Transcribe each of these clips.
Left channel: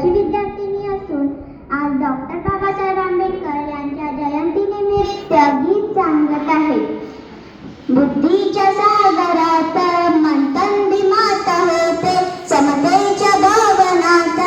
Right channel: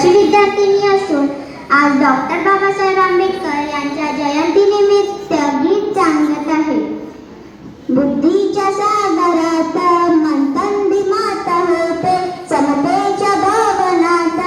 वर्गाची विद्यार्थिनी असून आज डॉक्टर बाबासाहेब आंबेडकर यांच्या जयंतीनिमित्त गीत सांगत आहे. बुद्धीच्या सागरात मंथन बिमात होते, समतेच्या भवनात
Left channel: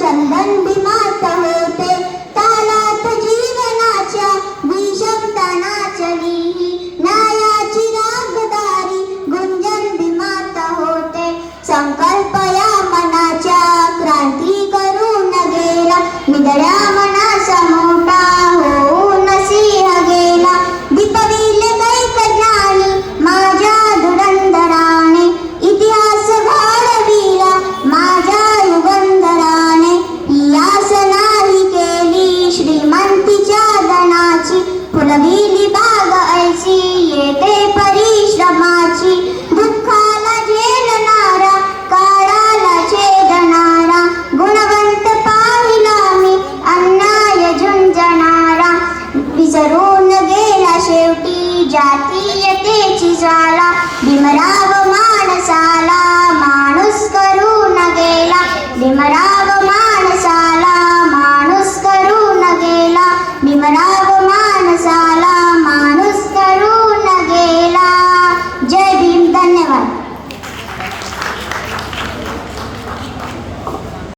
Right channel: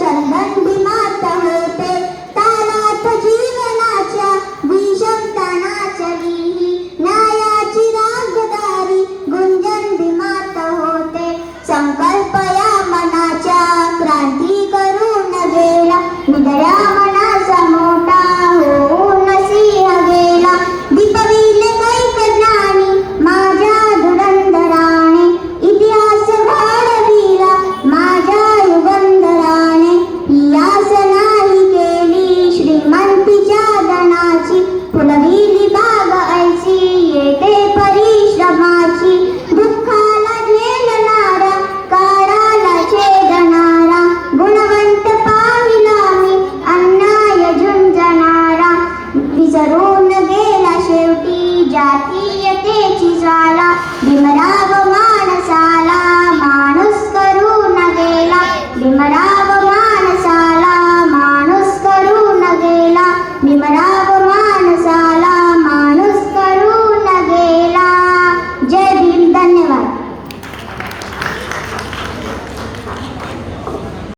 चंदन बिमात होते, तालात जीवनाच्या विषमता चली, न्यायाची रागदारी गुंजन बिमात होते. संकल्प या मनाच्या क्रांती करून गेला, निधड्या मनाचा मोठा होऊन सिंह गेला. दीपविले कैक ज्ञानी माझ्या धुरंधराने, इतिहास घडविला माझ्या युगंधराने. पियास नाही केली श्रीमंतीच्या धनाची, फुलविली बाग ऐसी येते परिश्रमाची. दुःखाला झेलणारा काळाला छेदणारा, गुणवंत पाहिला मी अन्याय झुंजणारा. विसरून गेला शेवटी जाती